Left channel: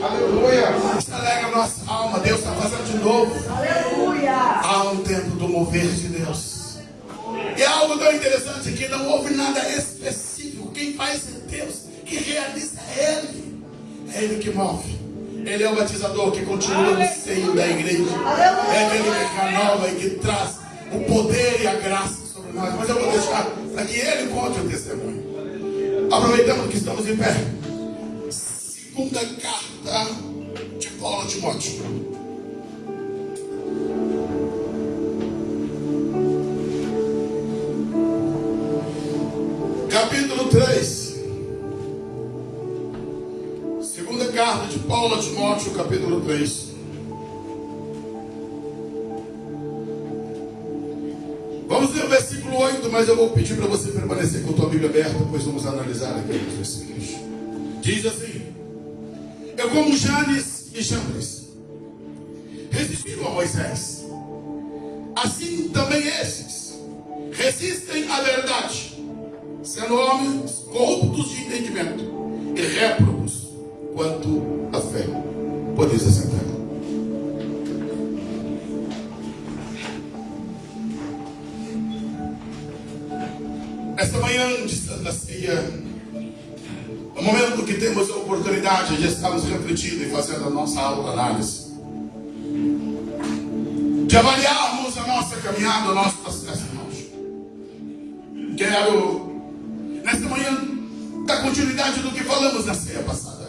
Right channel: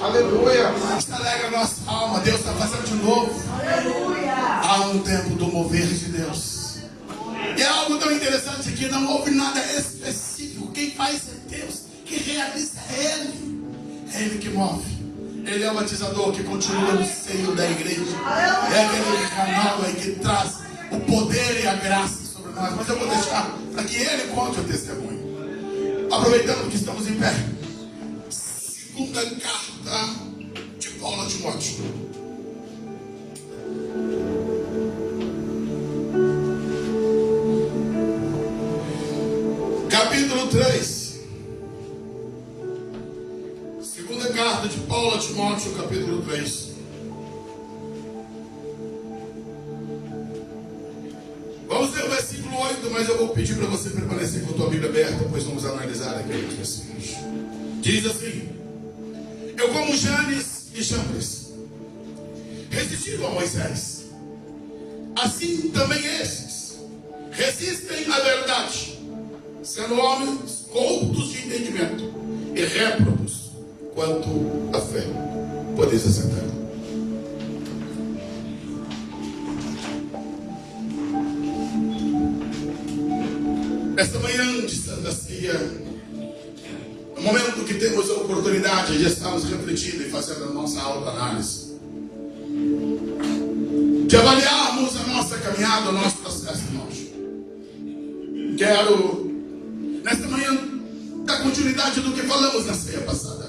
Aleluia. Isso alegra a nossa alma. Deus está fazendo de novo. Aleluia. Há um tempo do mover de Deus. E é algo tão interessante que não houve nada específico. Quem faz é Deus. Quem realiza é Ele. É Ele que move. Ele é o batizador que continua no seio da igreja. É Ele que renova e que traz o poder e a graça sobre nós. Mas eu vou deixar para que Ele conte o testemunho. Aproveitando que estamos em pé. Segunda carta de Paulo a Timóteo. Capítulo 3. Segunda carta de Paulo a Timóteo, capítulo 3. Vamos ler o versículo 8, mas eu vou pedir para você permanecer com a tua Bíblia aberta, pois vamos analisar aqui os versículos. Diz assim: eu, como Janes e Jambres, resistiram a Moisés, assim também estes resistem à verdade, sendo homens corruptos de entendimento e réprobos quanto à fé. Podeis assentar. Esta manhã de Santa Ceia, no momento que temos a oportunidade de estarmos refletindo e fazendo a nossa autoanálise, de avaliarmos a nossa caminhada, o nosso processo, irmãos. Quero, nesta manhã, dar continuidade do que falamos na ceia passada.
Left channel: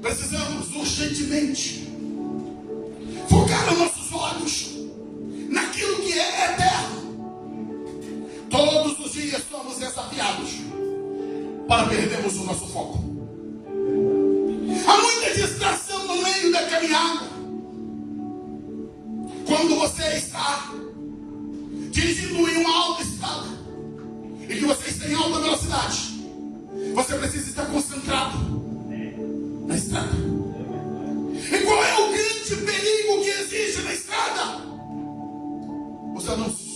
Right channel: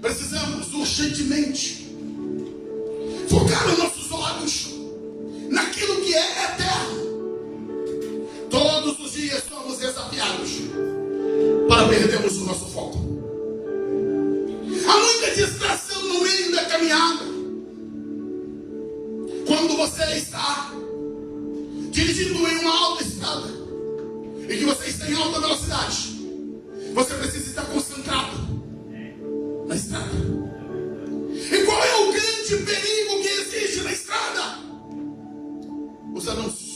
Precisamos urgentemente focar os nossos olhos naquilo que é eterno. Todos os dias somos desafiados para perdermos o nosso foco. Há muita distração no meio da caminhada. Quando você está dirigindo em uma autoestrada e que você está em alta velocidade, você precisa estar concentrado na estrada. E qual é o grande perigo que existe na estrada? Os anúncios.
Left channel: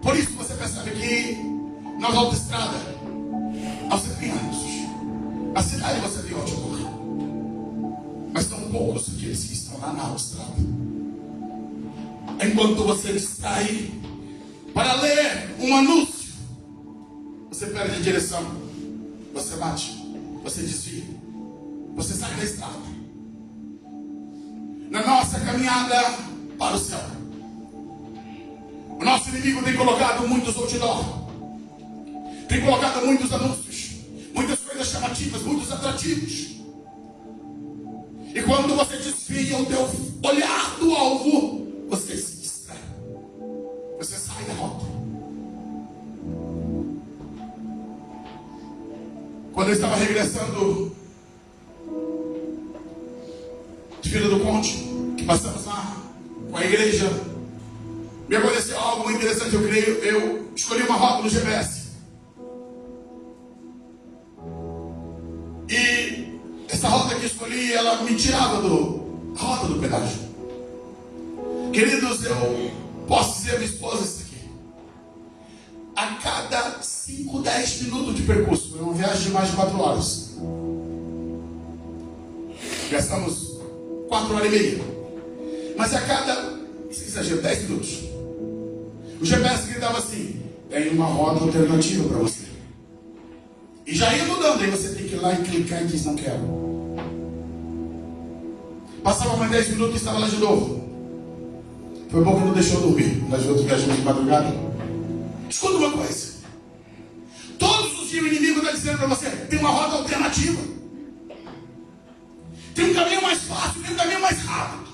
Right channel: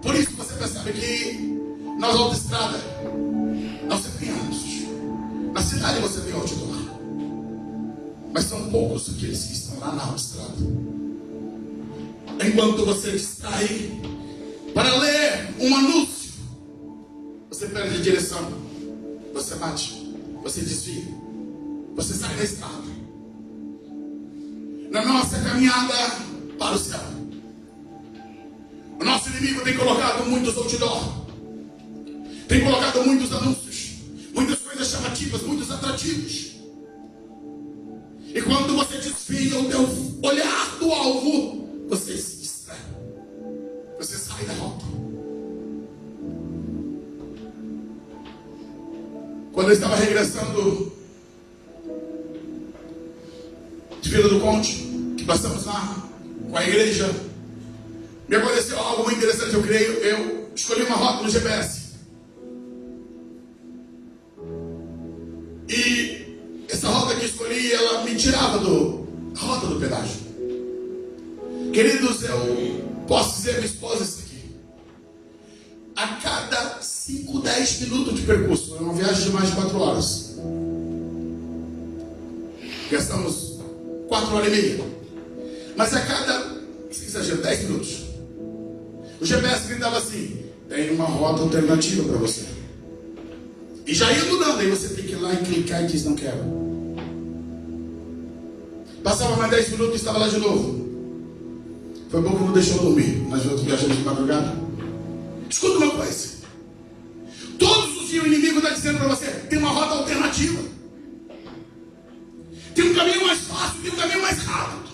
Por isso você percebe que nas autoestradas não se tem anúncios. Na cidade você tem outdoor, mas são poucos aqueles que estão lá na autoestrada. Enquanto você está aí para ler um anúncio, você perde a direção, você bate, você desvia, você sai da estrada. Na nossa caminhada para o céu, o nosso inimigo tem colocado muitos outdoor, tem colocado muitos anúncios, muitas coisas chamativas, muitos atrativos. E quando você desvia o teu olhar do alvo, você se distrai, você sai da rota. Quando eu estava regressando de Vila do Conde, que passamos lá com a igreja, me aconteceu algo muito interessante. Eu creio, eu escolhi uma rota no GPS. E essa rota que escolhi, ela me tirava da rota do pedágio. Queridos, eu posso dizer a minha esposa isso aqui. A cada 5, 10 minutos de percurso, é uma viagem de mais de 4 horas. Gastamos 4 horas e meia. Mas a cada, se exagero, 10 minutos, o GPS gritava assim: tem uma rota alternativa para você. E já ia mudando, aí você tem que ir lá e clicar e diz: não quero. Passava mais 10 minutos e estava lá de novo. Foi bom que não deixou eu dormir. Nós outros viajamos de madrugada. Escuta uma coisa: todos os dias o inimigo está dizendo para você: tem uma rota alternativa, tem um caminho mais fácil, tem um caminho mais rápido,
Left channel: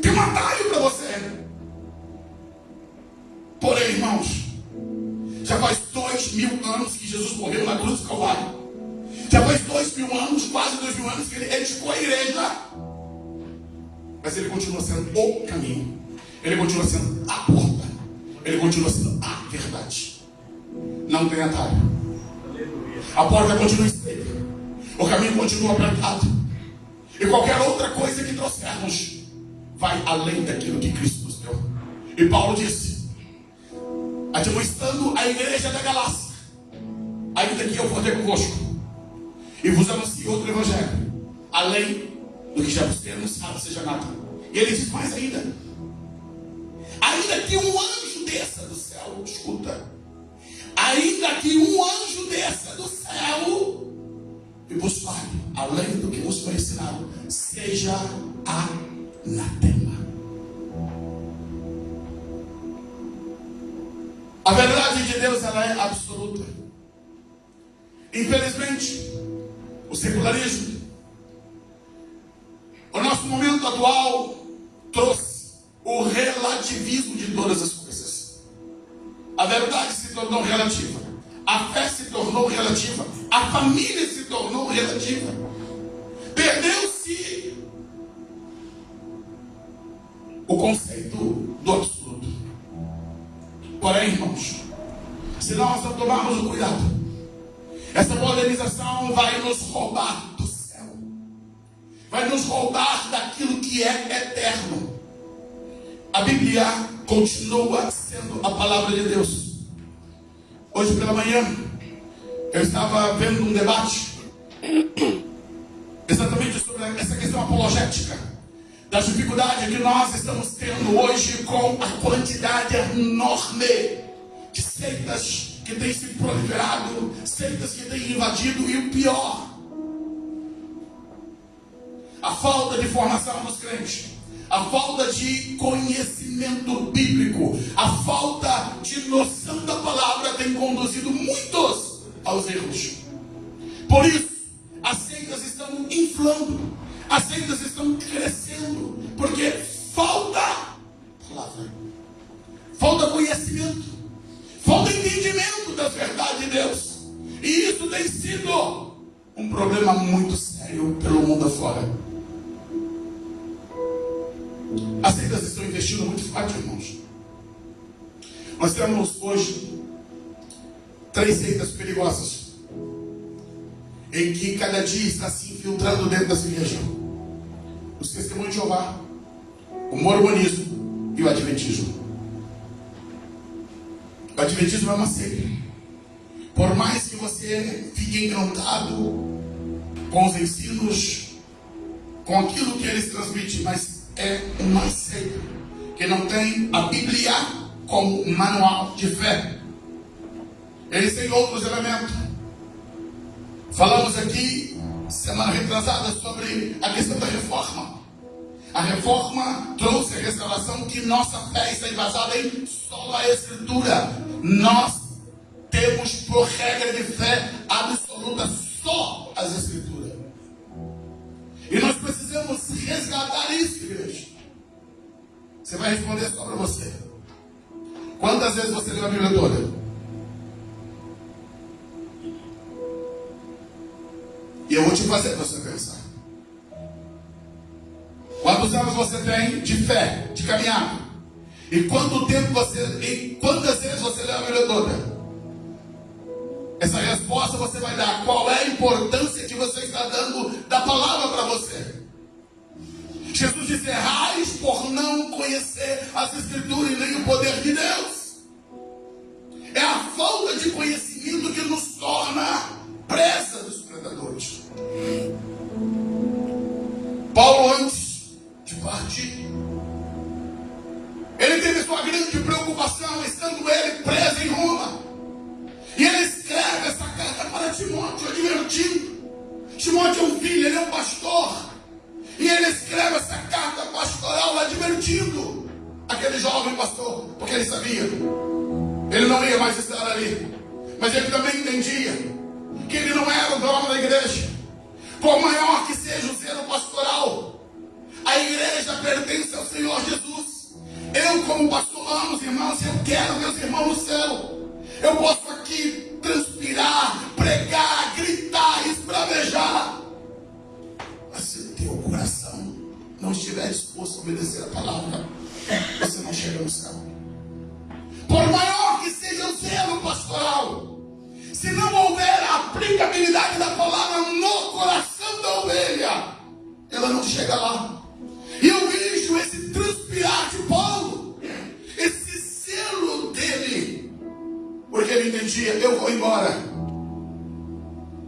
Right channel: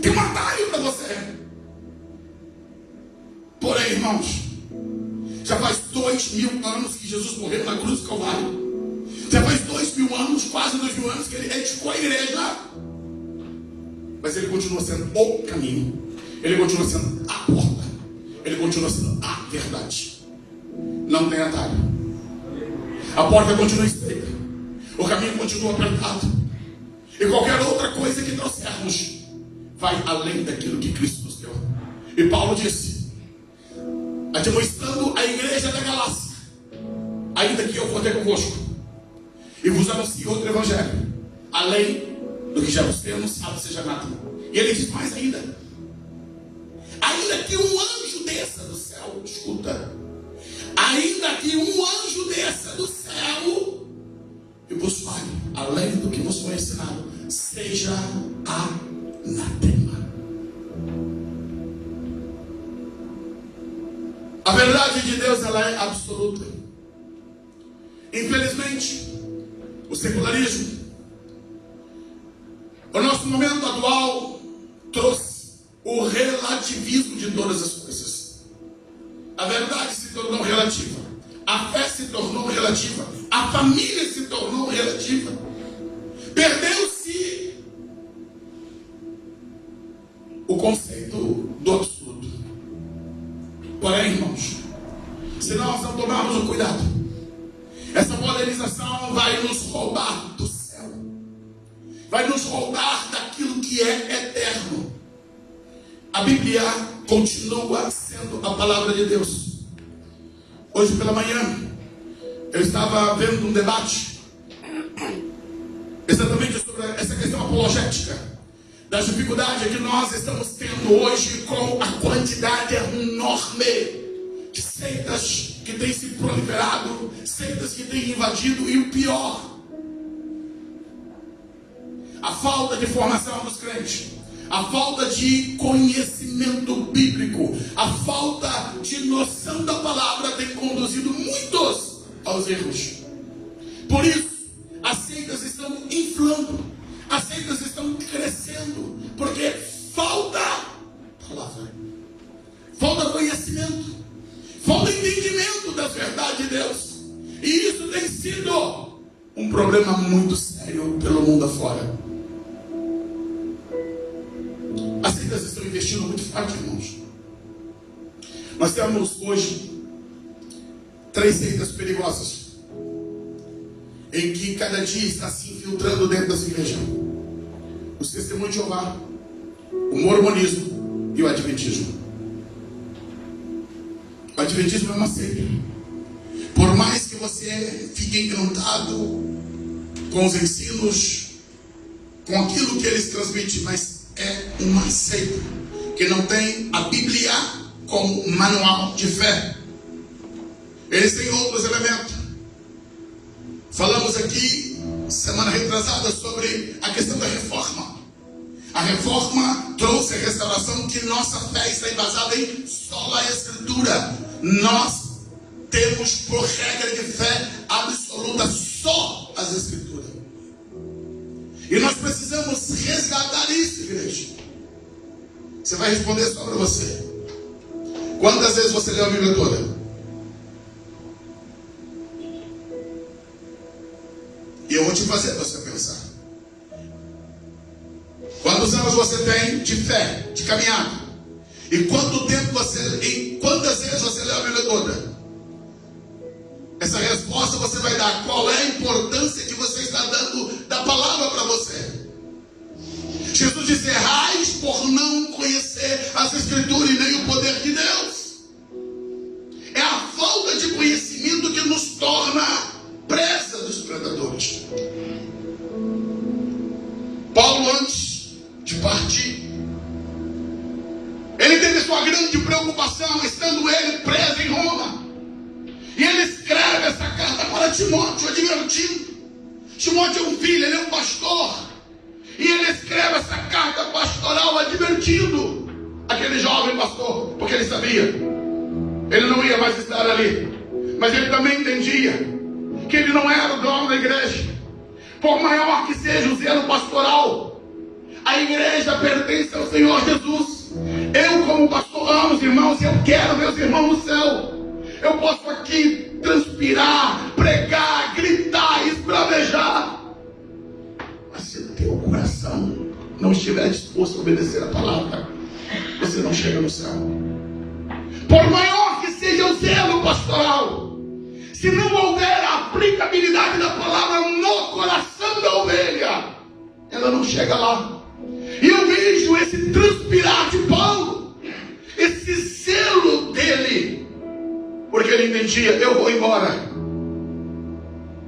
tem um atalho para você. Porém, irmãos, já faz 2000 anos que Jesus morreu na cruz do Calvário. Já faz 2000 anos, quase 2000 anos que ele edificou a igreja. Mas ele continua sendo o caminho. Ele continua sendo a porta. Ele continua sendo a verdade. Não tem atalho. A porta continua estreita. O caminho continua apertado. E qualquer outra coisa que trouxermos vai além daquilo que Cristo nos deu. E Paulo disse, admoestando a igreja da Galácia, ainda que eu for convosco, E vos anuncio outro evangelho, além do que já vos temos, seja nada. E ele diz mais ainda: ainda que um anjo desça do céu, escuta, ainda que um anjo desça do céu e vos fale, além do que vos foi ensinado, seja anatema. A verdade de Deus, ela é absoluta. Infelizmente, o secularismo, o nosso momento atual, trouxe o relativismo de todas as coisas. A verdade se tornou relativa, a fé se tornou relativa, a família se tornou relativa. Perdeu-se o conceito do absoluto. Porém, irmãos, se nós não tomarmos o cuidado, essa polemização vai nos roubar do céu, vai nos roubar daquilo que é eterno. A Bíblia continua sendo a palavra de Deus. Hoje pela manhã, eu estava vendo um debate exatamente sobre essa questão apologética, da dificuldade que nós estamos tendo hoje com a quantidade enorme de seitas que têm se proliferado, seitas que têm invadido, e o pior, a falta de formação dos crentes, a falta de conhecimento bíblico, a falta de noção da palavra tem conduzido muitos aos erros. Por isso, as seitas estão inflando, as seitas estão crescendo, porque falta palavra, falta conhecimento, falta entendimento da verdade de Deus. E isso tem sido um problema muito sério pelo mundo afora. As seitas estão investindo muito forte, irmãos. Nós temos hoje 3 seitas perigosas, em que cada dia está se infiltrando dentro das igrejas: o Testemunho de Jeová, o Mormonismo e o Adventismo. O Adventismo é uma seita. Por mais que você fique encantado com os ensinos, com aquilo que eles transmitem, mas é uma seita que não tem a Bíblia como manual de fé. Eles têm outros elementos. Falamos aqui semana retrasada sobre a questão da reforma. A reforma trouxe a restauração, que nossa fé está embasada em sola escritura. Nós temos por regra de fé absoluta só as escrituras. E nós precisamos resgatar isso, igreja. Você vai responder só para você. Quantas vezes você leu a Bíblia toda? E eu vou te fazer para você pensar. Quantos anos você tem de fé, de caminhada? E quanto tempo e quantas vezes você leu a Bíblia toda? Essa resposta você vai dar. Qual é a importância que você está dando da palavra para você? Jesus disse: errais por não conhecer as Escrituras e nem o poder de Deus. É a falta de conhecimento que nos torna presa dos predadores. Paulo, antes de partir, ele teve sua grande preocupação, estando ele preso em Roma. E ele escreve essa carta para Timóteo, advertindo. Timóteo é um filho, ele é um pastor. E ele escreve essa carta pastoral advertindo aquele jovem pastor, porque ele sabia, ele não ia mais estar ali. Mas ele também entendia que ele não era o dono da igreja. Por maior que seja o zelo pastoral, a igreja pertence ao Senhor Jesus. Eu, como pastor, amo os irmãos, e eu quero ver os irmãos no céu. Eu posso aqui transpirar, pregar, gritar, esbravejar, mas se o teu coração não estiver disposto a obedecer a palavra, você não chega no céu. Por maior que seja o zelo pastoral, se não houver a aplicabilidade da palavra no coração da ovelha, ela não chega lá. E eu vejo esse transpirar de Paulo, esse zelo dele, porque ele entendia: eu vou embora,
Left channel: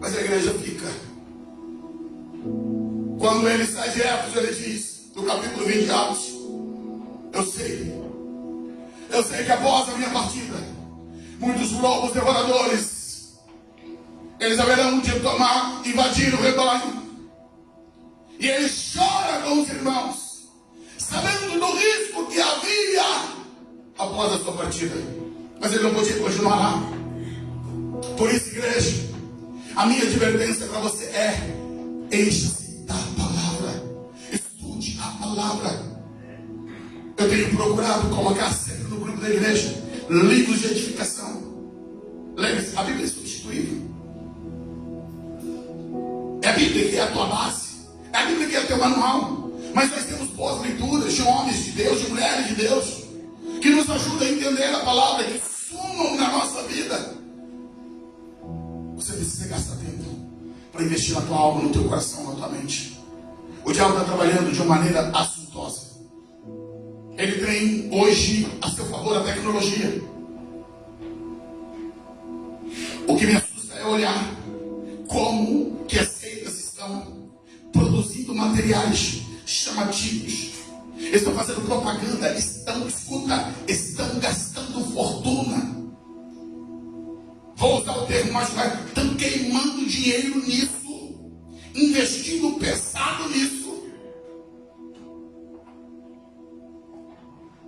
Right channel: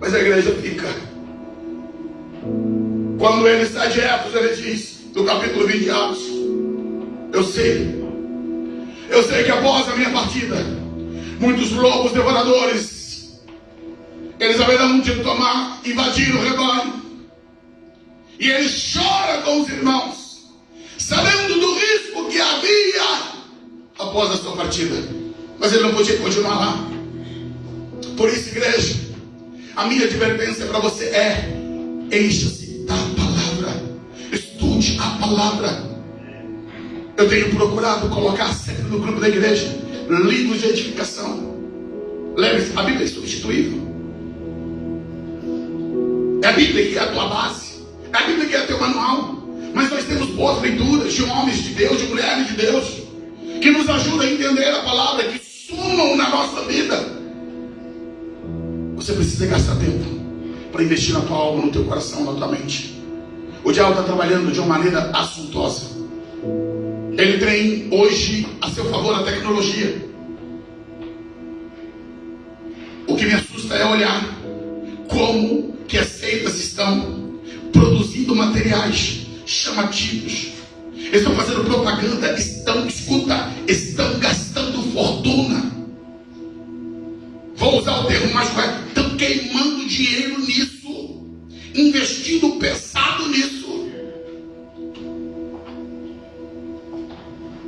mas a igreja fica. Quando ele sai de Éfeso, ele diz, no capítulo 20 de Atos, eu sei que após a minha partida, muitos lobos devoradores, eles haverão de invadir o rebanho. E ele chora com os irmãos, sabendo do risco que havia após a sua partida. Mas ele não podia continuar lá. Por isso, igreja, a minha advertência para você é: encha-se da palavra, estude a palavra. Eu tenho procurado colocar sempre no grupo da igreja livros de edificação. Lembre-se, a Bíblia é insubstituível. É a Bíblia que é a tua base, é a Bíblia que é teu manual. Mas nós temos boas leituras de homens de Deus, de mulheres de Deus, que nos ajudam a entender a palavra, que sumam na nossa vida. Você precisa gastar tempo para investir na tua alma, no teu coração, na tua mente. O diabo está trabalhando de uma maneira assuntosa. Ele tem hoje a seu favor a tecnologia. O que me assusta é olhar como que as seitas estão produzindo materiais chamativos. Eles estão fazendo propaganda, estão gastando fortuna. Vou usar o termo mais correto, estão queimando dinheiro nisso, investindo pesado nisso.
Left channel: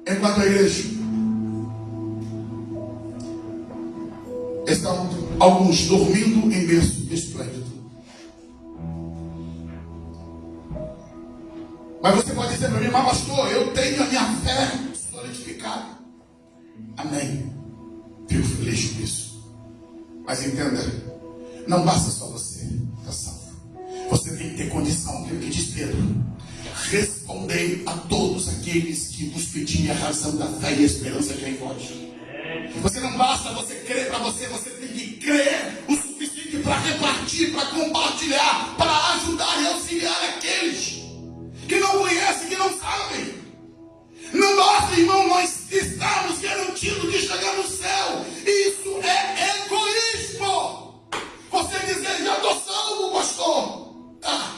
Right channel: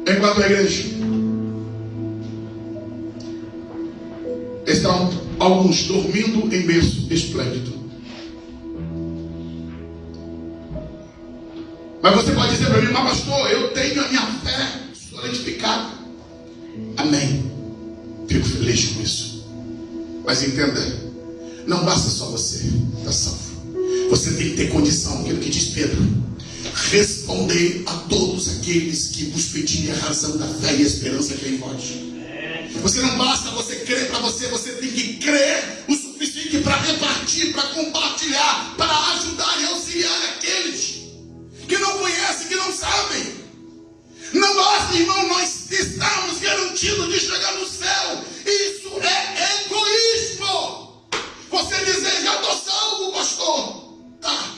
Enquanto a igreja, estão alguns dormindo em berço esplêndido. Mas você pode dizer para mim: mas pastor, eu tenho a minha fé solidificada. Amém. Fico feliz com isso. Mas entenda, não basta só você estar salvo. Você tem que ter condição, aquilo que diz Pedro: respondei a todos aqueles que vos pedirem a razão da fé e a esperança que é em vós. Você não basta você crer para você, você tem que crer o suficiente para repartir, para compartilhar, para ajudar e auxiliar aqueles que não conhecem, que não sabem. Não basta, irmão, nós estamos garantidos de chegar no céu. Isso é egoísmo. Você deseja adoção, pastor? Tá.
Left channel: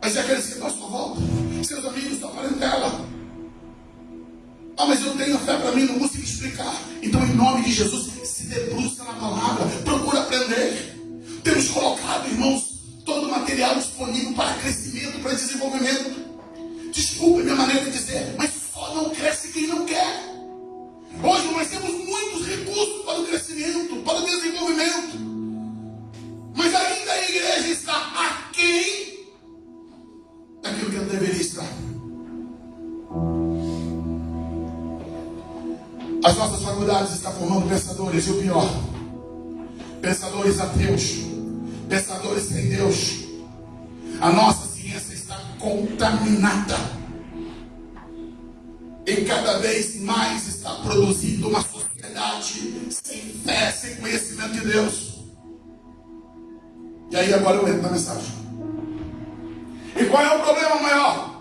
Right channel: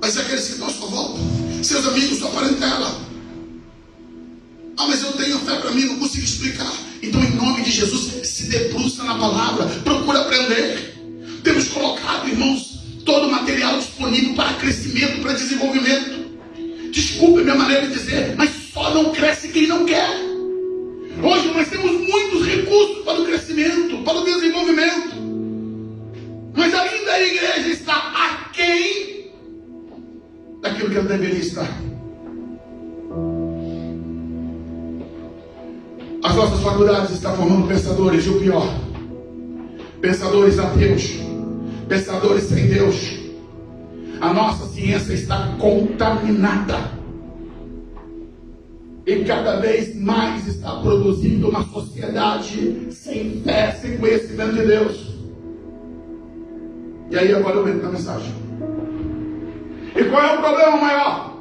Mas e aqueles que estão à sua volta? Seus amigos, sua parentela? Ah, mas eu não tenho fé para mim, não consigo explicar. Então, em nome de Jesus, se debruça na palavra, procura aprender. Temos colocado, irmãos, todo o material disponível para crescimento, para desenvolvimento. Desculpe minha maneira de dizer, mas só não cresce quem não quer. Hoje nós temos muitos recursos para o crescimento, para o desenvolvimento, mas ainda a igreja está aquém daquilo que ela deveria estar. As nossas faculdades estão formando pensadores, e o pior, pensadores ateus, pensadores sem Deus. A nossa ciência está contaminada e cada vez mais está produzindo uma sociedade sem fé, sem conhecimento de Deus. E aí agora eu entro na mensagem. E qual é o problema maior?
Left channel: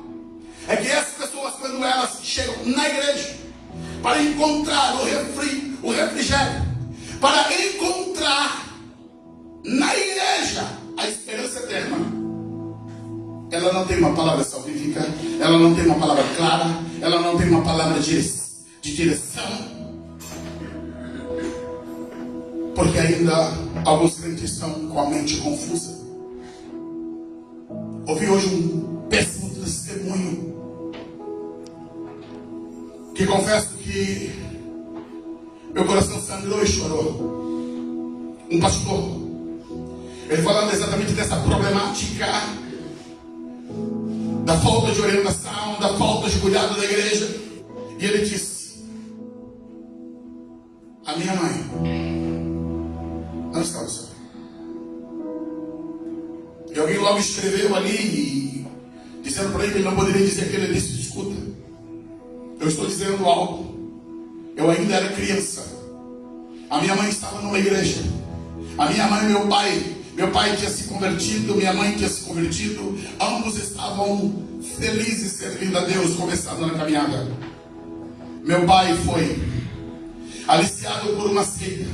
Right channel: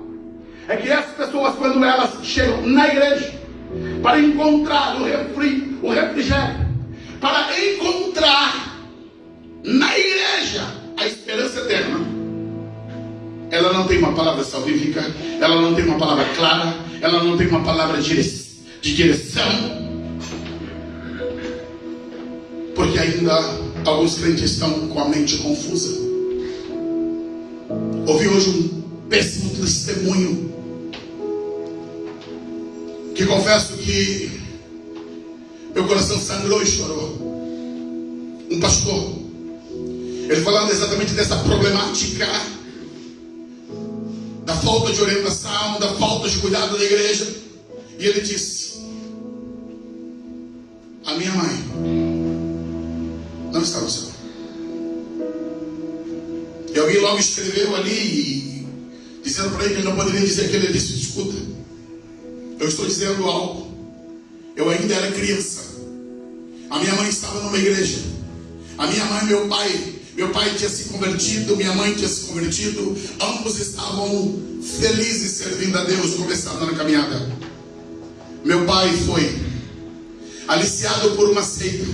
É que essas pessoas, quando elas chegam na igreja para encontrar o refrigério, para encontrar na igreja a esperança eterna, ela não tem uma palavra salvífica, ela não tem uma palavra clara, ela não tem uma palavra de direção, porque ainda alguns crentes estão com a mente confusa. Ouvi hoje um péssimo testemunho, que confesso que meu coração sangrou e chorou. Um pastor, ele falando exatamente dessa problemática da falta de orientação, da falta de cuidado da igreja. E ele disse: a minha mãe não está no céu. E alguém logo escreveu ali, dizendo para ele que ele não poderia dizer aquilo. Ele disse: escuta, eu estou dizendo algo. Eu ainda era criança. A minha mãe estava numa igreja. A minha mãe e meu pai tinha se convertido, minha mãe tinha se convertido. Ambos estavam felizes servindo a Deus, começando na caminhada. Meu pai foi aliciado por uma seita.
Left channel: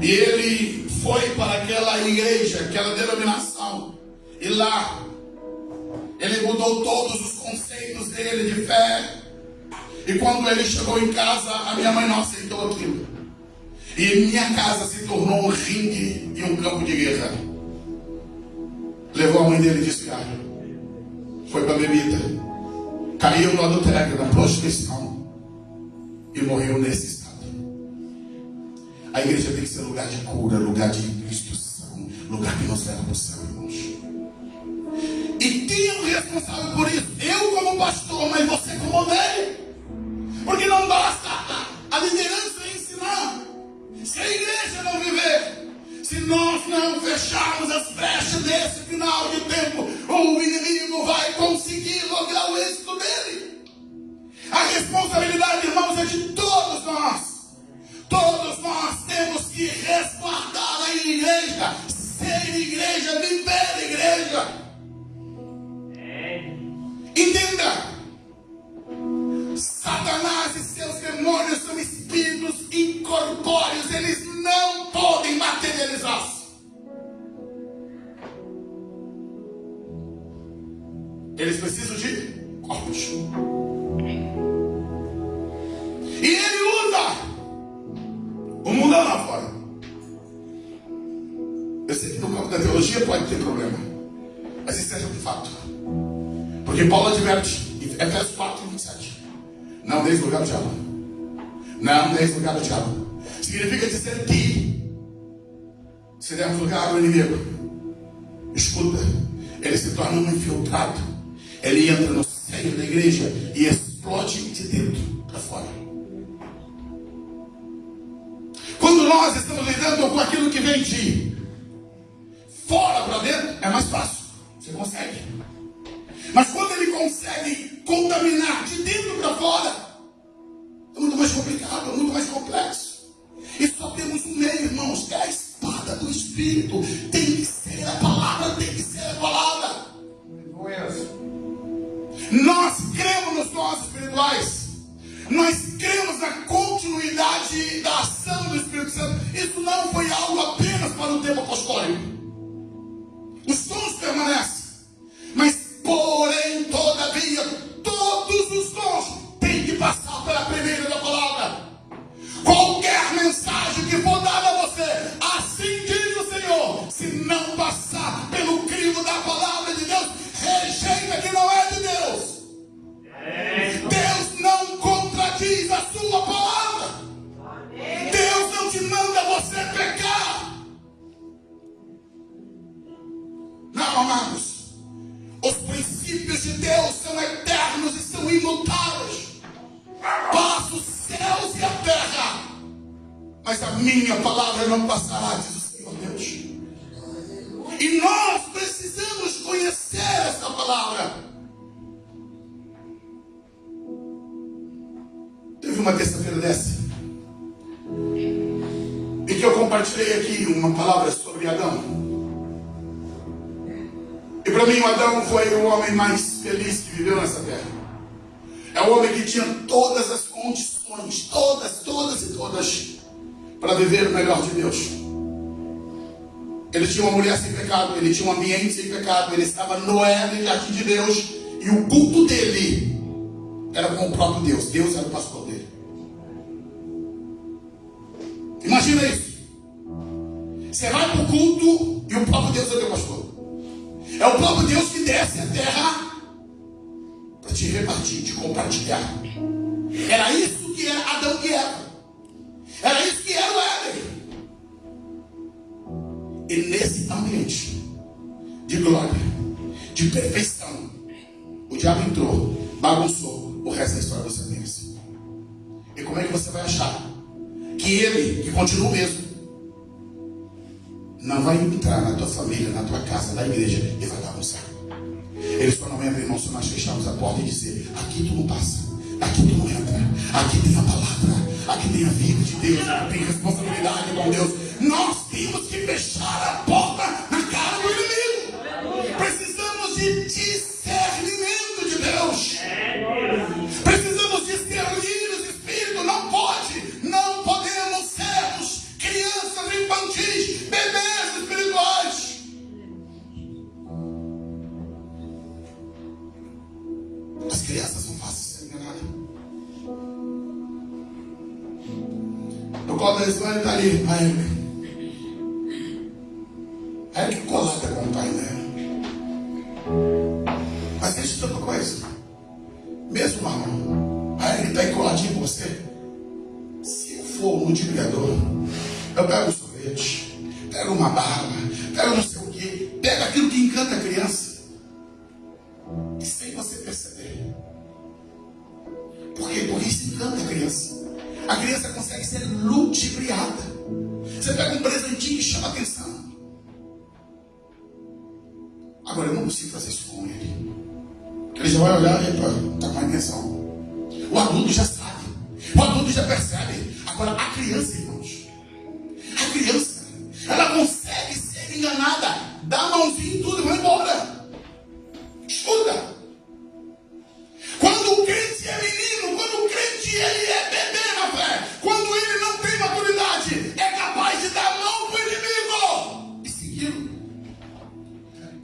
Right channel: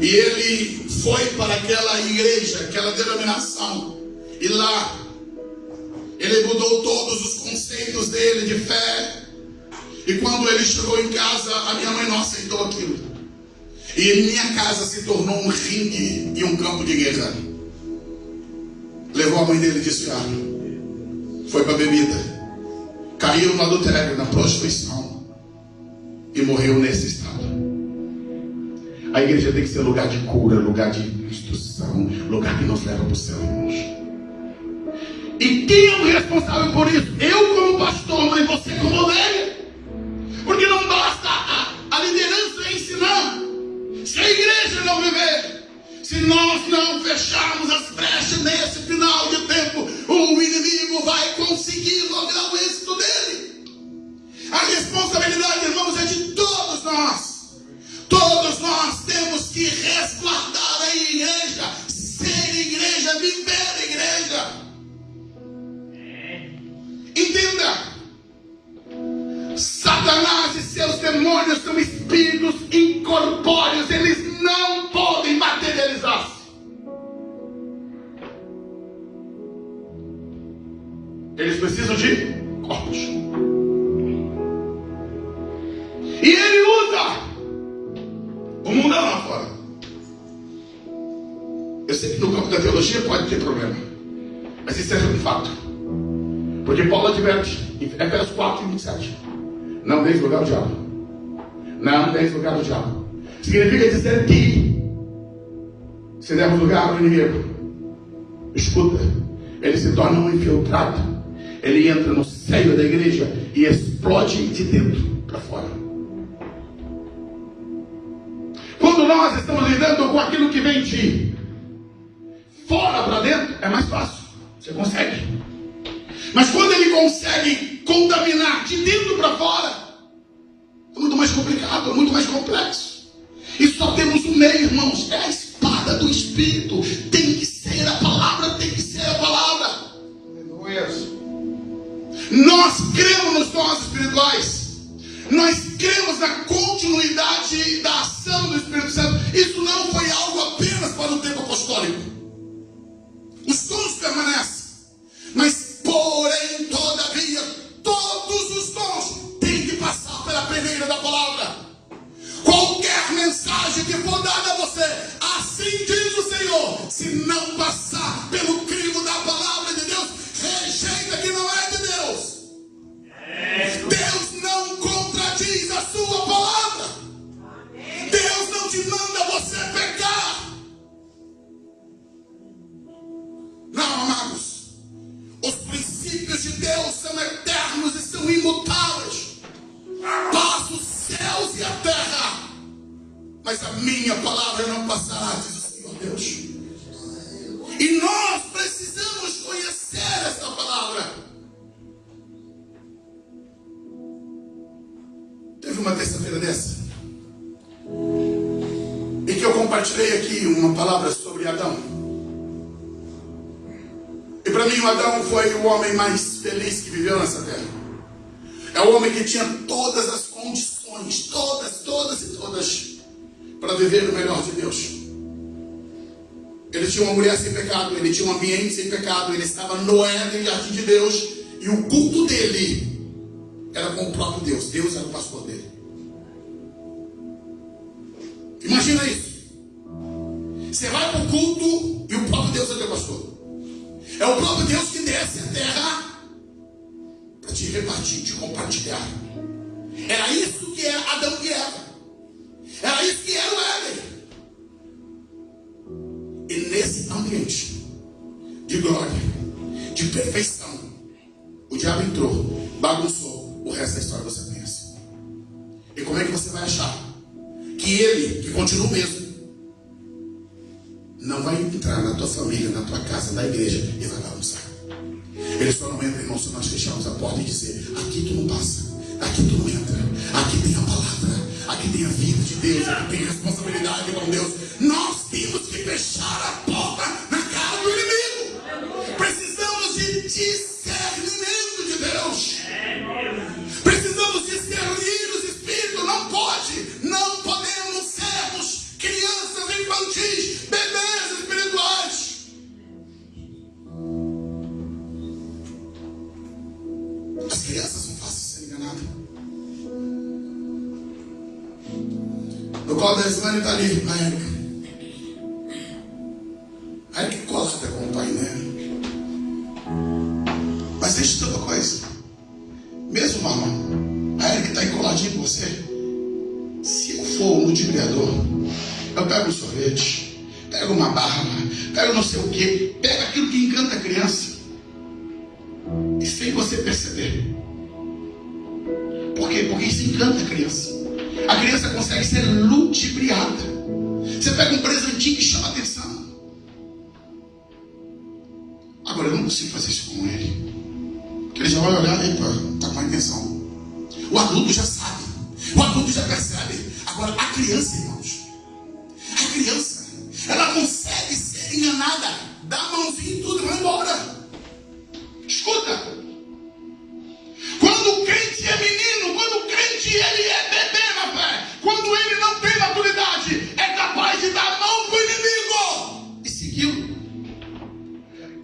E ele foi para aquela igreja, aquela denominação. E lá, ele mudou todos os conceitos dele de fé. E quando ele chegou em casa, a minha mãe não aceitou aquilo. E minha casa se tornou um ringue e um campo de guerra. Levou a mãe dele viciada. Foi para a bebida. Caiu no adultério, na prostituição. E morreu nesse estado. A igreja tem que ser lugar de cura, lugar de instrução, lugar que nos leva para o céu, irmãos. E quem é o responsável por isso? Eu como pastor, mas você como ovelha. Porque não basta a liderança ensinar. Se a igreja não viver, se nós não fecharmos as brechas nesse final de tempo, o inimigo vai conseguir lograr o êxito dele. A responsabilidade, irmãos, é de todos nós. Todos nós temos que resguardar a igreja, ser igreja, viver a igreja. Entenda, Satanás e seus demônios são espíritos incorpóreos, eles não podem materializar-se. Eles precisam de corpos. E ele usa o mundão lá fora. Eu sei que no campo da teologia pode ter problema, mas isso é um fato. Porque Paulo adverte em Efésios 4:27. Não deis lugar ao diabo. Não deis lugar ao diabo. Significa dizer que se dermos lugar ao inimigo, escuta, ele se torna um infiltrado. Ele entra no seio da igreja e explode de dentro para fora. Quando nós estamos lidando com aquilo que vem de fora para dentro, é mais fácil. Você consegue. Mas quando ele consegue contaminar de dentro para fora, é muito mais complicado, é muito mais complexo. E só temos um meio, irmãos, é a espada do Espírito. Tem que ser a palavra, tem que ser a palavra. Nós cremos nos dons espirituais. Nós cremos na continuidade da ação do Espírito Santo. Isso não foi algo apenas para o tempo apostólico. Os dons permanecem. Mas, porém, todavia, todos os dons têm que passar pela primeira da palavra. Qualquer mensagem que for dada a você, assim diz o Senhor, se não passar pelo crivo da palavra de Deus, rejeita que não é de Deus. Deus não contradiz a sua palavra. Deus não te manda você pecar. Não, amados. Os princípios de Deus são eternos e são imutáveis. Passa os céus e a terra, mas a minha palavra não passará, diz o Senhor Deus. E nós precisamos conhecer essa palavra. Teve uma terça-feira dessa, e que eu compartilhei aqui uma palavra sobre Adão. E para mim o Adão foi o homem mais feliz que viveu nessa terra. É o homem que tinha todas as condições, todas, para viver o melhor de Deus. Ele tinha uma mulher sem pecado, ele tinha um ambiente sem pecado, ele estava no Éden, jardim de Deus, e o culto dele era com o próprio Deus. Deus era o pastor dele. Imagina isso. Você vai para o culto e o próprio Deus é o teu pastor. É o próprio Deus que desce a terra para te repartir, te compartilhar. Era isso que era Adão e Eva. Era isso que era o Éden. E nesse ambiente de glória, de perfeição, o diabo entrou, bagunçou. O resto da história você conhece. E como é que você vai achar que ele, que continua o mesmo, não vai entrar na tua família, na tua casa, na igreja e vai bagunçar? Ele só não entra, irmão, se nós fecharmos a porta e dizer: aqui tu não passa, aqui tu não entra, aqui tem a palavra, aqui tem a vida de Deus, aqui tem responsabilidade com Deus. Nós temos que fechar a porta na cara do inimigo. Precisamos de discernimento de Deus. Precisamos discernir os espíritos. Não podemos sermos crianças infantis, bebês espirituais. crianças são fáceis de ser enganadas. No colo da semana está ali a Érica. A Érica é colada com o pai dela. Mas deixa eu dizer uma coisa. Mesmo, mamãe, a Érica está aí coladinha com você. Se eu for um ludibriador, eu pego um sorvete, pego uma barra, pego não sei o que, pego aquilo que encanta a criança. E sem você perceber. Por quê? Porque isso encanta a criança. A criança consegue ser ludibriada. Você pega um presentinho que chama atenção. Agora eu não consigo fazer isso com ele. Porque ele já vai olhar e está com a intenção. O adulto já sabe. O adulto já percebe. Agora a criança, irmãos. A criança, ela consegue ser enganada. Dá a mãozinha e tudo e vai embora. Escuta. Quando o crente é menino, quando o crente ele é bebê na fé, quando ele não tem maturidade, é capaz de dar a mão para o inimigo e segui-lo.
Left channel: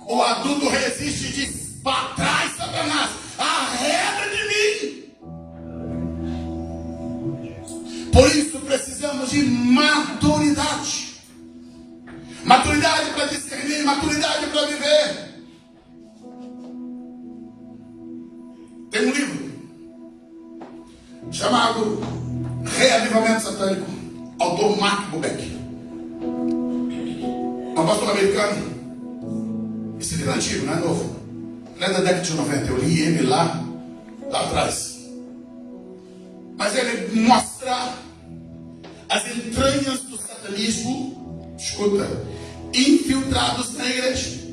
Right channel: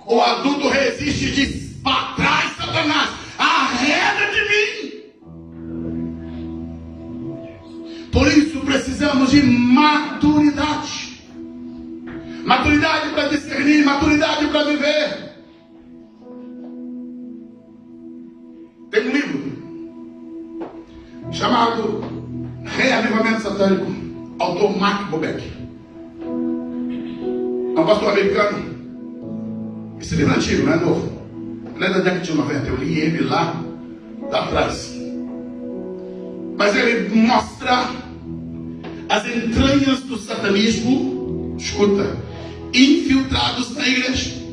O adulto resiste e diz: para trás, Satanás, arreda de mim. Por isso precisamos de maturidade. Maturidade para discernir, maturidade para viver. Tem um livro chamado Reavivamento Satânico, autor Mark Bobeck. É um pastor americano. Esse livro é antigo, não é novo. Não é da década de 90, eu li ele lá atrás. Mas ele mostra as entranhas do satanismo, escuta, infiltrados na igreja.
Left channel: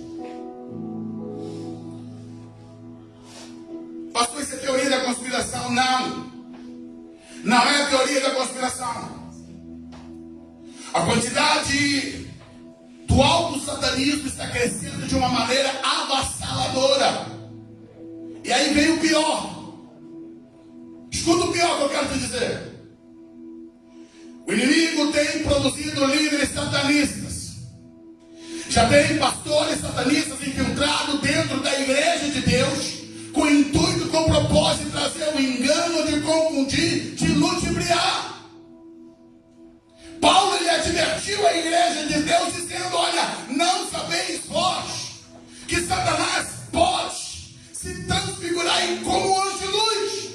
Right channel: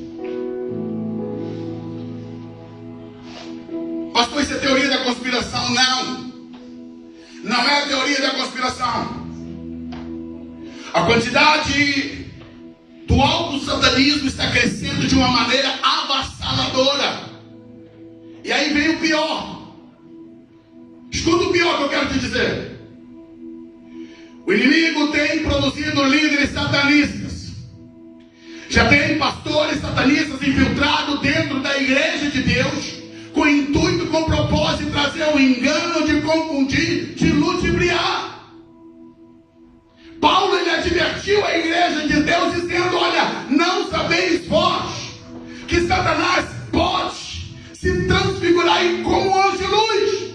Pastor, isso é teoria da conspiração? Não. Não é teoria da conspiração. A quantidade do alto satanismo está crescendo de uma maneira avassaladora. E aí vem o pior. Escuta o pior que eu quero te dizer. O inimigo tem produzido líderes satanistas. Já tem pastores satanistas infiltrados dentro da igreja de Deus, com intuito, com propósito de trazer o engano, de confundir, de ludibriar. Paulo ele advertiu a igreja de Deus dizendo: olha, não sabeis vós que Satanás pode se transfigurar como um anjo de luz.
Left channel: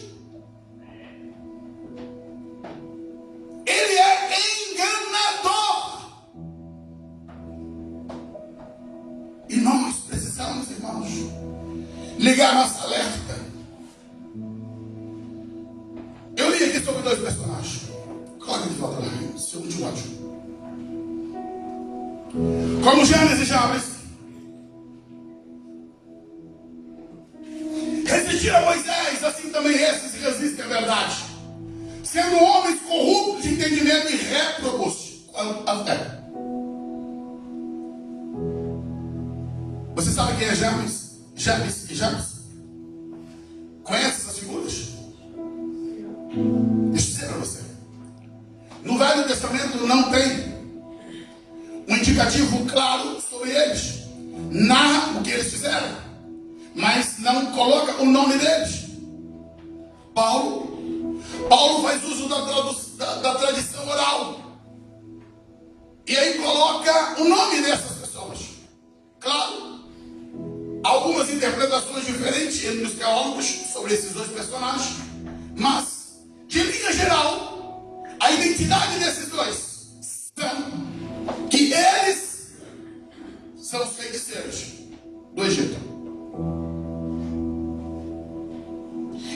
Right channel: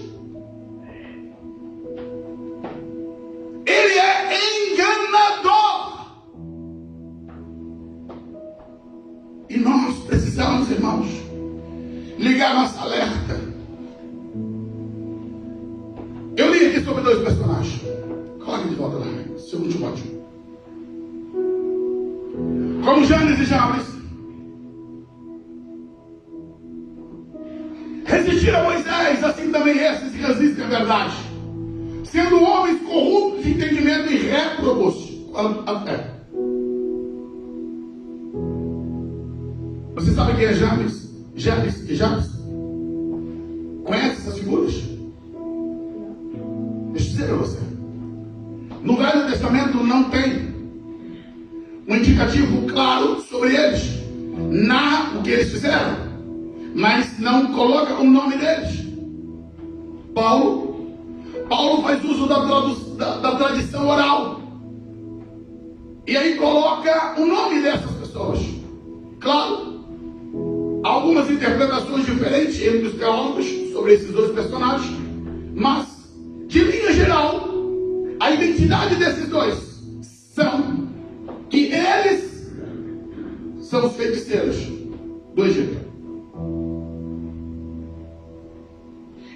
Ele é enganador. E nós precisamos, irmãos, ligar nossa alerta. Eu li aqui sobre dois personagens. Coloque de volta lá, segundo Timóteo. Como Janes e Jabes resistiram a Moisés, assim também esses resistem à verdade, sendo homens corruptos de entendimento e réprobos quanto à fé. Você sabe quem é Janes? Jabes e Jabes? Conhece essas figuras? Deixa eu dizer para você. No Velho Testamento não tem um indicativo claro sobre eles. Narra o que eles fizeram, mas não coloca o nome deles. Paulo faz uso da tradição oral. E aí coloca o nome dessas pessoas. Claro, algumas interpretações diferentes entre os teólogos sobre esses dois personagens, mas, de linha geral, a identidade desses dois são que eles são os feiticeiros do Egito.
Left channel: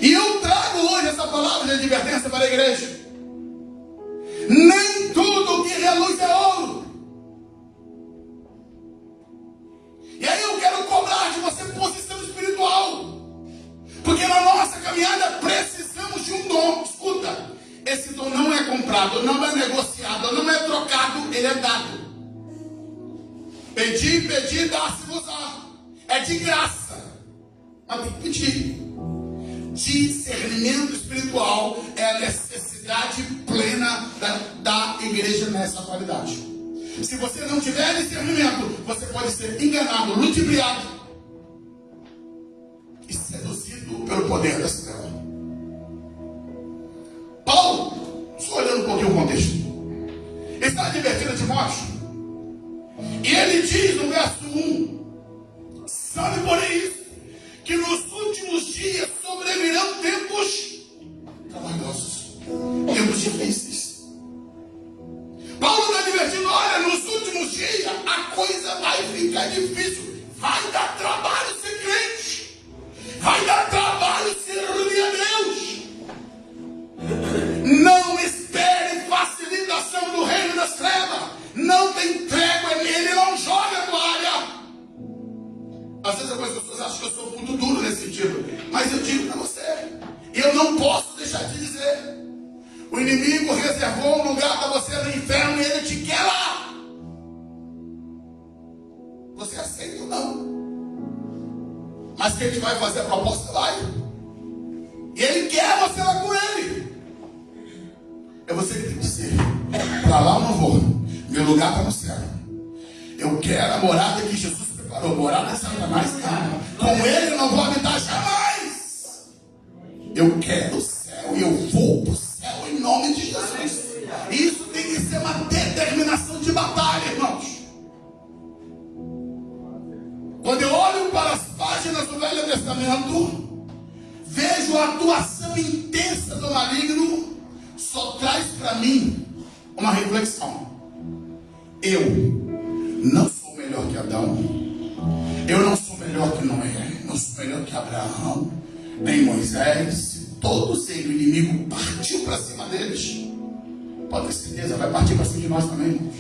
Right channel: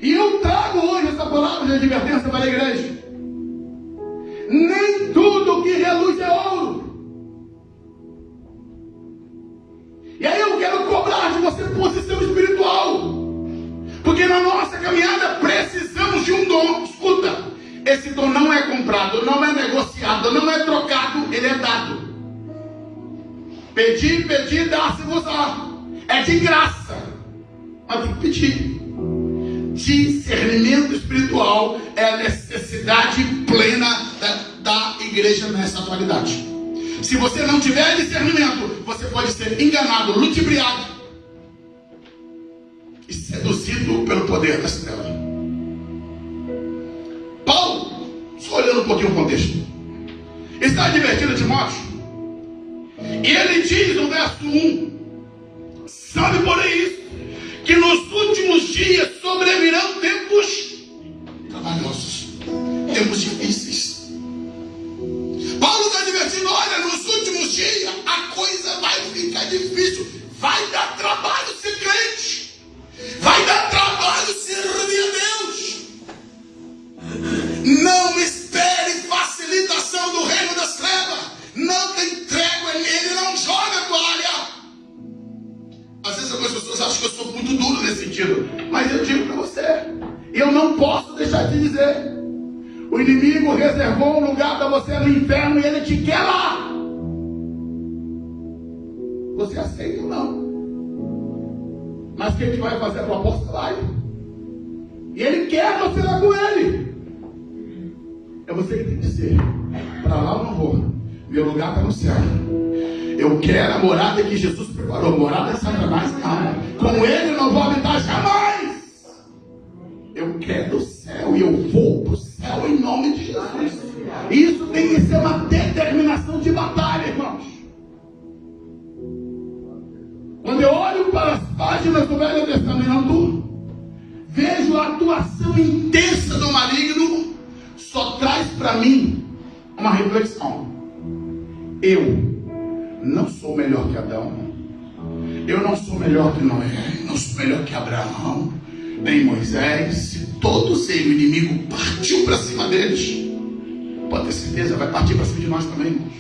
E eu trago hoje essa palavra de advertência para a igreja. Nem tudo que reluz é ouro. E aí eu quero cobrar de você posição espiritual. Porque na nossa caminhada precisamos de um dom. Escuta, esse dom não é comprado, não é negociado, não é trocado, ele é dado. Pedir, dá-se-vos-á. É de graça. Mas tem que pedir. Discernimento espiritual é a necessidade plena da igreja nessa atualidade. Se você não tiver discernimento, você pode ser enganado, ludibriado e seduzido seduzido pelo poder dessa tela. Paulo, só olhando um pouquinho o contexto, está advertindo Timóteo, e ele diz no verso 1, sabe porém isso, que nos últimos dias sobrevirão tempos trabalhosos, tempos difíceis. Paulo está advertindo, olha, nos últimos dias a coisa vai ficar difícil, vai dar trabalho ser crente, vai dar trabalho servir a Deus. Não espere facilitação do reino das trevas, não tem trégua nele, não joga a toalha. Às vezes algumas pessoas acham que eu sou muito duro nesse sentido, mas eu digo para você, eu não posso deixar de dizer, o inimigo reservou um lugar para você no inferno e ele te quer lá. Você aceita ou não? Mas que ele vai fazer a proposta, vai. E ele quer você lá com ele. É você que tem que dizer, para lá eu não vou, meu lugar está no céu. Eu quero a morada que Jesus preparou, morada de Satanás, não. Com ele eu não vou habitar jamais. Eu quero o céu e eu vou para o céu em nome de Jesus. Isso tem que ser uma determinação de batalha, irmãos. Quando eu olho para as páginas do Velho Testamento, vejo a atuação intensa do maligno, só traz para mim uma reflexão. Eu não sou melhor que Adão, eu não sou melhor que Noé, não sou melhor que Abraão, nem Moisés. Se todo ser o inimigo partiu para cima deles, pode ter certeza, vai partir para cima de nós também, irmãos.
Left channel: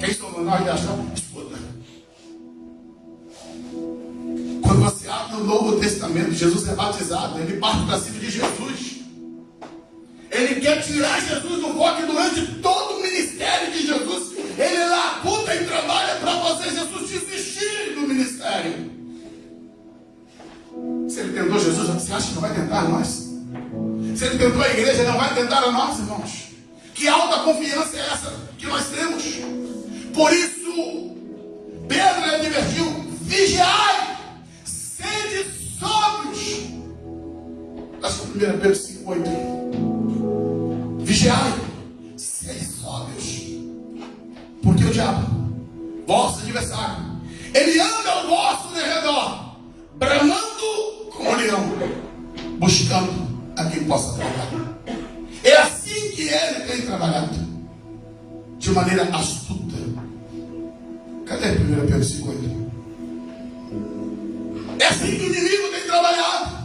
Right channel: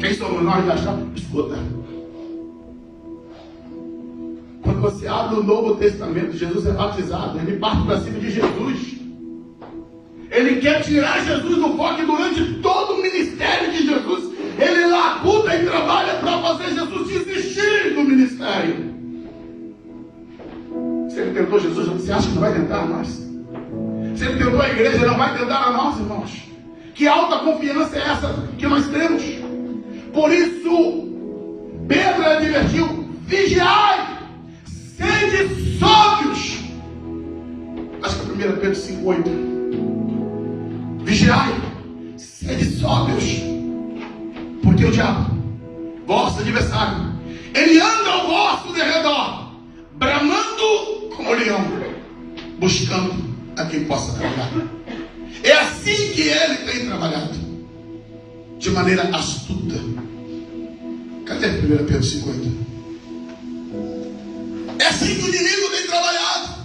Quem somos nós de achar? Escuta. Quando você abre o Novo Testamento, Jesus é batizado, ele parte para cima de Jesus. Ele quer tirar Jesus do foco e durante todo o ministério de Jesus, ele labuta e trabalha para você, Jesus, desistir do ministério. Se ele tentou Jesus, você acha que não vai tentar a nós? Se ele tentou a igreja, não vai tentar a nós, irmãos? Que alta confiança é essa que nós temos? Por isso, Pedro advertiu, vigiai, sede sóbrios. Acho que é 1 Pedro 5,8. Vigiai, sede sóbrios, porque o diabo, vosso adversário, ele anda ao vosso derredor, bramando como leão, buscando a quem possa trabalhar. É assim que ele tem trabalhado, de maneira astuta. Cadê 1 Pedro 5,8? É assim que o inimigo tem trabalhado.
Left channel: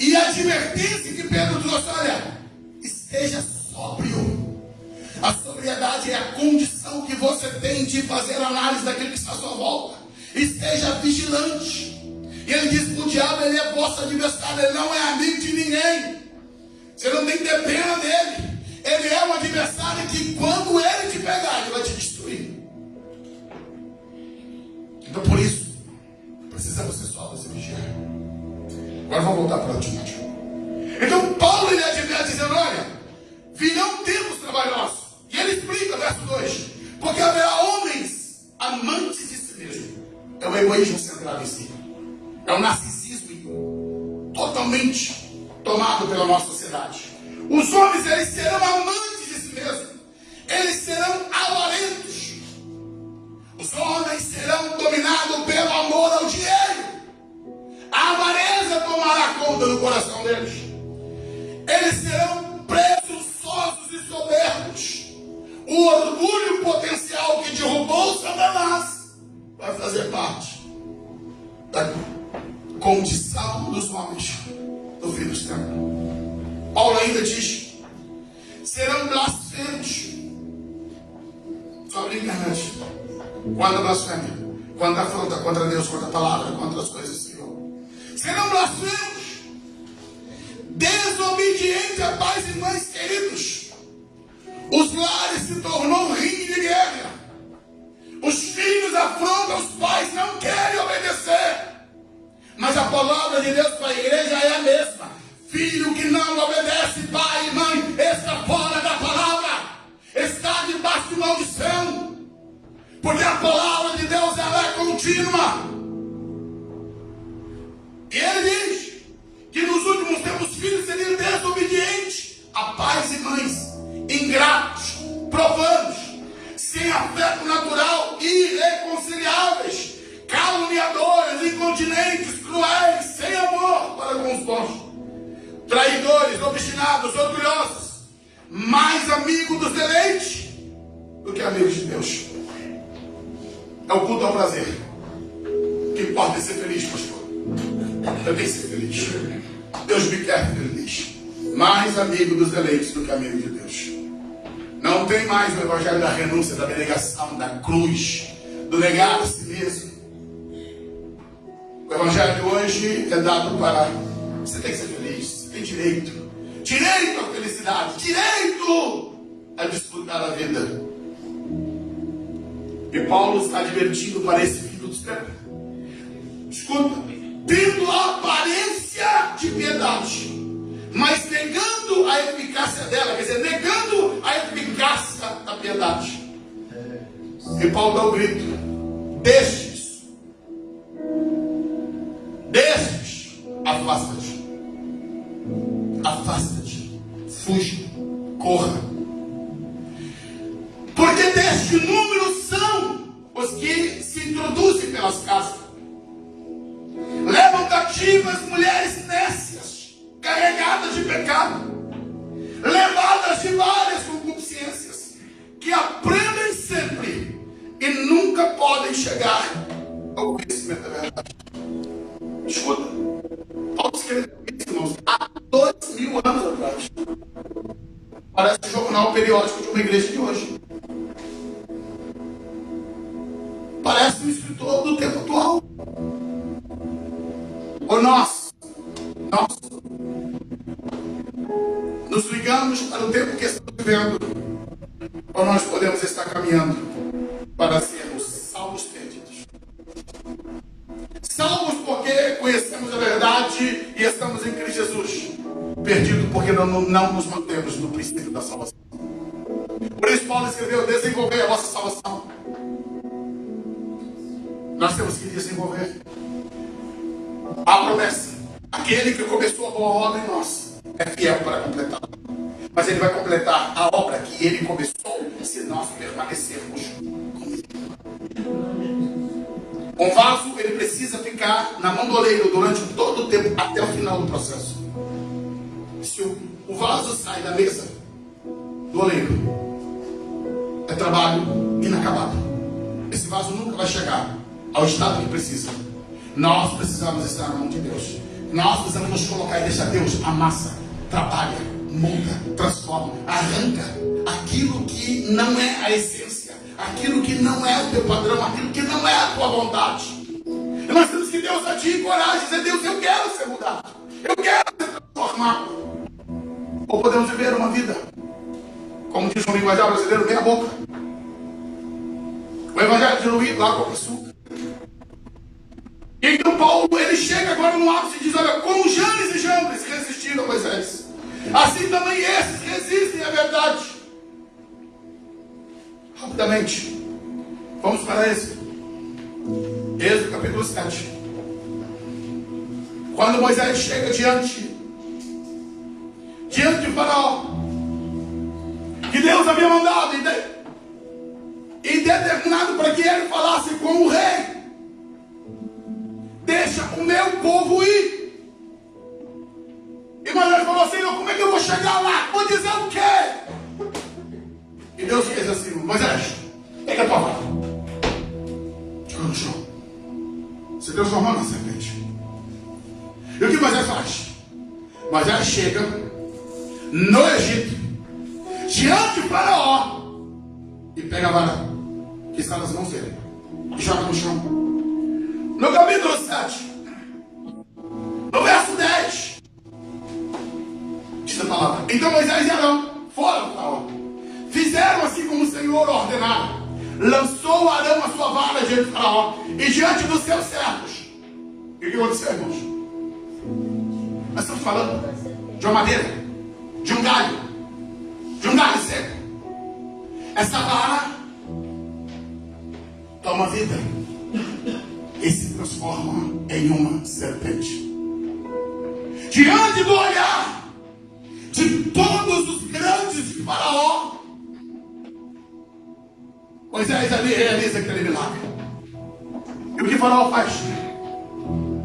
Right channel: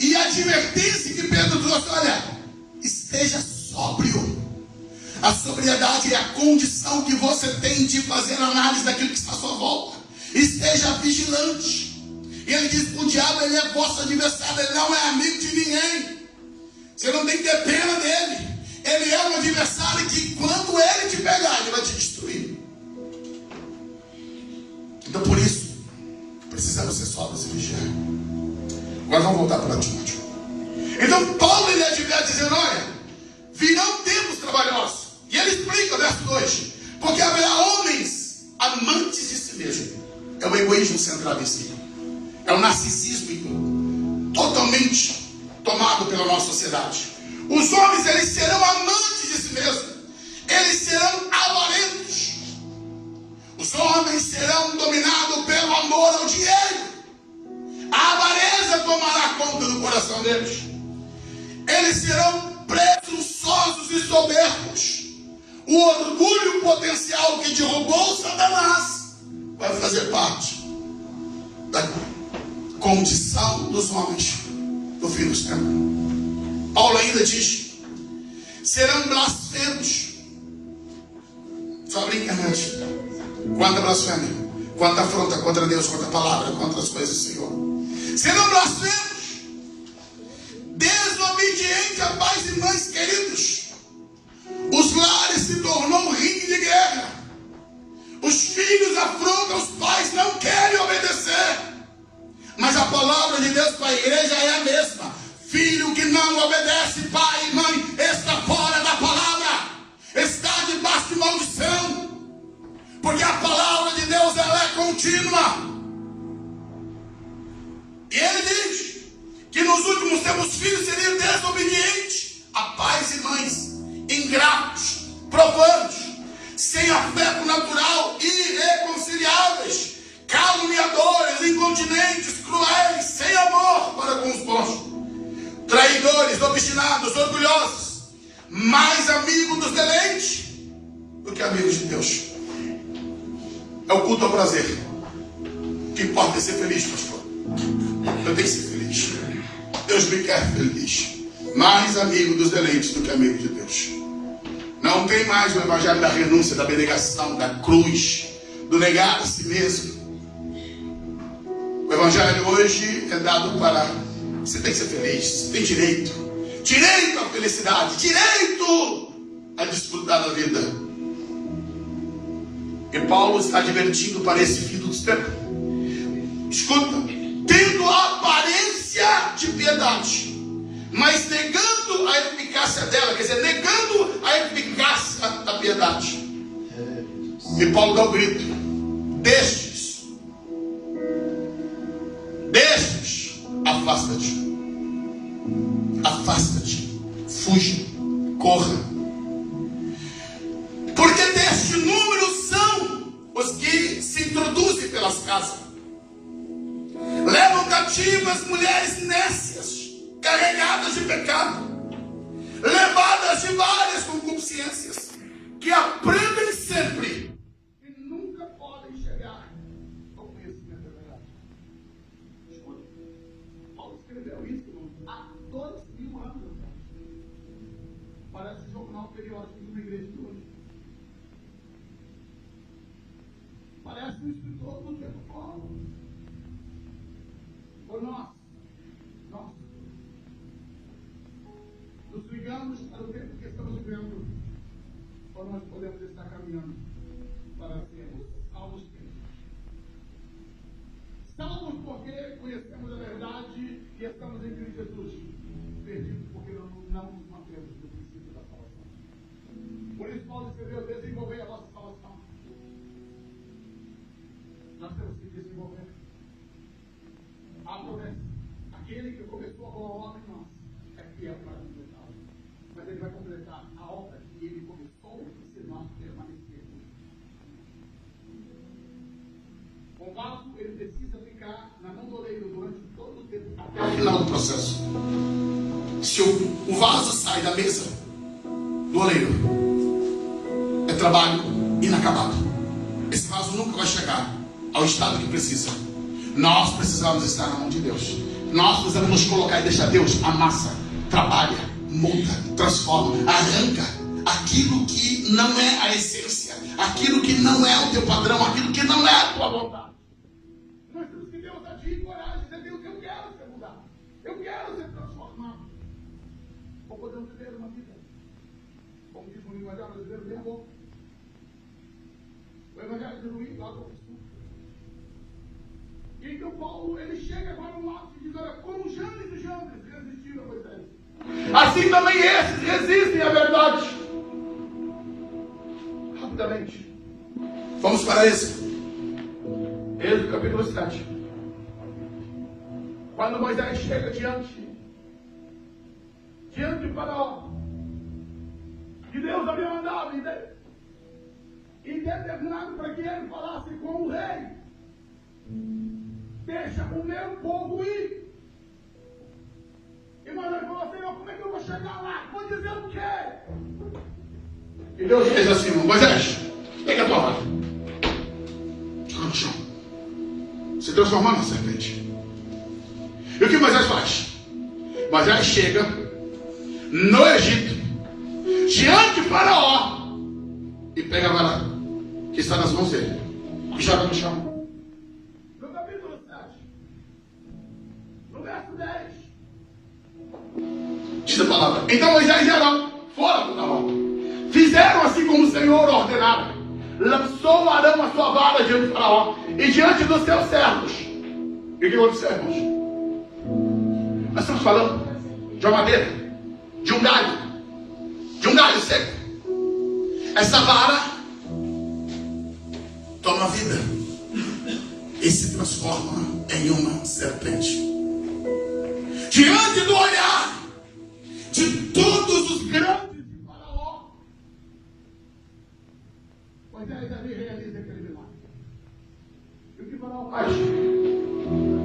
E a advertência que Pedro trouxe, olha, esteja sóbrio. A sobriedade é a condição que você tem de fazer análise daquilo que está à sua volta. Esteja vigilante. E ele diz, o diabo, ele é vosso adversário, ele não é amigo de ninguém. Você não tem que ter pena dele. Ele é um adversário que quando ele te pegar, ele vai te destruir. Então por isso, precisamos ser sóbrios e vigiar. Agora vamos voltar para Timóteo. Então Paulo ele adverte dizendo, olha, virão tempos trabalhosos. E ele explica, verso 2, porque haverá homens amantes de si mesmo. É o egoísmo centrado em si. É o narcisismo totalmente tomado pela nossa sociedade. Os homens, eles serão amantes de si mesmos. Eles serão avarentos. Os homens serão dominados pelo amor ao dinheiro. A avareza tomará conta do coração deles. Eles serão presunçosos e soberbos. O orgulho potencial que derrubou Satanás vai fazer parte da condição dos homens do fim dos tempos. Paulo ainda diz, serão blasfemos. Sobre a internet. Quando a blasfêmia, quando a afronta contra Deus, contra a palavra, contra as coisas do Senhor. Serão blasfemos, desobedientes a pais e mães queridos. Os lares se tornou um ringue de guerra. Os filhos afrontam os pais, não querem obedecer. Mas a palavra de Deus para a igreja é a mesma. Filho que não obedece, pai e mãe, está fora da palavra. Está debaixo de maldição. Porque a palavra de Deus ela é contínua. E ele filhos seriam desobedientes a pais e mães, ingratos, profanos, sem afeto natural, irreconciliáveis, caluniadores, incontinentes, cruéis, sem amor para com os bons, traidores, obstinados, orgulhosos, mais amigos dos deleites do que amigos de Deus. É o culto ao prazer. O que importa é ser feliz, pastor. Eu tenho que ser feliz. Deus me quer feliz. Mais amigo dos deleites do que amigo de Deus. Não tem mais o evangelho da renúncia, da abnegação, da cruz, do negar a si mesmo. O evangelho hoje é dado para: você tem que ser feliz, você tem direito à felicidade, direito a desfrutar da vida. E Paulo está advertindo para esse fim dos tempos. Escuta: tendo a aparência de piedade, mas negando a eficácia dela, quer dizer, negando a eficácia da piedade. E Paulo dá o grito: destes, afasta-te, fuja, corra. Porque deste número são os que se introduzem pelas casas, levam cativas mulheres nécias, carregadas de pecado, levadas de várias concupiscências, que aprendem sempre e nunca podem chegar ao conhecimento da verdade. Escuta, Paulo escreveu isso, irmãos, há 2000 anos atrás. Parece um jornal periódico de uma igreja de hoje. Parece um escritor do tempo atual. Ou nós nos ligamos para o tempo que estamos vivendo, ou nós podemos estar caminhando para sermos salvos perdidos. Salvos porque conhecemos a verdade e estamos em Cristo Jesus. Perdidos porque não nos mantemos no princípio da salvação. Por isso Paulo escreveu: desenvolver a vossa salvação. Nós temos que desenvolver a promessa. Aquele que começou a boa obra em nós é fiel para completar. Mas ele vai completar a obra que ele começou se nós permanecermos com ele. Um vaso, ele precisa ficar na mão do oleiro durante todo o tempo, até o final do processo. Se o vaso sai da mesa do oleiro, é trabalho inacabado. Esse vaso nunca vai chegar ao estado que precisa. Nós precisamos estar na mão de Deus. Nós precisamos nos colocar e deixar Deus amassa, trabalha, muda, transforma, arranca aquilo que não é a essência, aquilo que não é o teu padrão, aquilo que não é a tua vontade. E nós temos que ter ousadia e coragem, dizer: Deus, eu quero ser mudado, eu quero ser transformado. Ou podemos viver uma vida, como diz o linguajar brasileiro, meia boca. O evangelho diluído, água com açúcar. E então Paulo, ele chega agora no ápice e diz: olha, como Janes e Jambres resistiram a Moisés, assim também esses resistem à verdade. Rapidamente, vamos para Êxodo capítulo 7. Quando Moisés chega diante de Faraó, que Deus havia mandado e determinado para que ele falasse com o rei: deixa o meu povo ir. E Moisés falou assim: como é que eu vou chegar lá? Vou dizer o quê? E Deus fez assim: Moisés, pega a tua vara, joga no chão, se transformando em serpente. E o que Moisés faz? Moisés chega no Egito, diante de Faraó, e pega a vara que está nas mãos dele e joga no chão. No capítulo 7, no verso 10, diz a palavra: então Moisés e Arão foram do Faraó, fizeram assim como o Senhor ordenara. Lançou Arão a sua vara diante do Faraó e diante dos seus servos. E o que aconteceu, irmãos? Nós estamos falando de uma madeira, de um galho seco. Essa vara toma vida e se transforma em uma serpente. diante do olhar de todos os grandes de Faraó, Moisés ali realiza aquele milagre. E o que Faraó faz?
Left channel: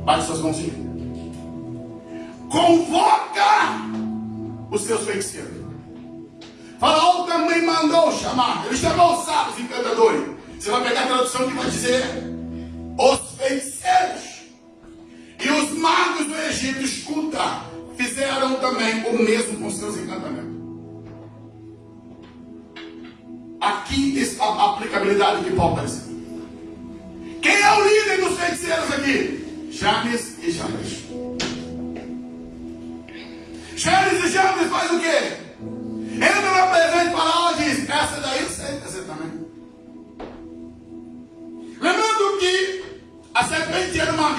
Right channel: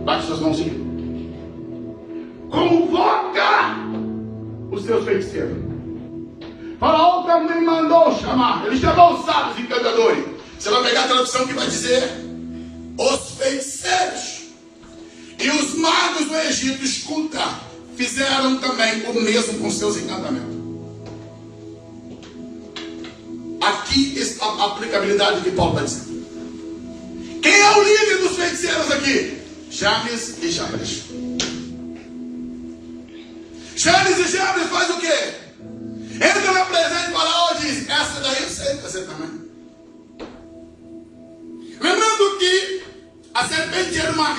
Bate suas mãozinhas. Convoca os seus feiticeiros. Faraó também mandou chamar. Ele chamou os sábios e encantadores. Você vai pegar a tradução que vai dizer os feiticeiros. E os magos do Egito, escuta, fizeram também o mesmo com seus encantamentos. Aqui está a aplicabilidade que Paulo está dizendo. Quem é o líder dos feiticeiros aqui? Janes e Jambres. Janes e Jambres faz o quê? Entra na presença de Faraó e diz: essa daí eu sei, essa também. Lembrando que a serpente era uma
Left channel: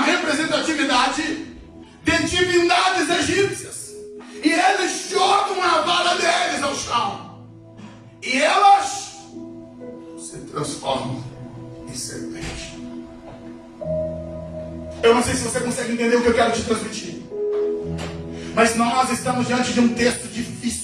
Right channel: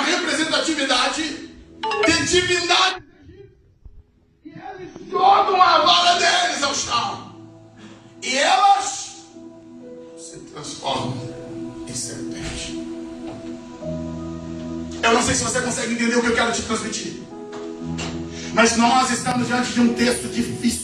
representatividade de divindades egípcias. E eles jogam a vara deles ao chão. E elas se transformam em serpente. Eu não sei se você consegue entender o que eu quero te transmitir. Mas nós estamos diante de um texto difícil.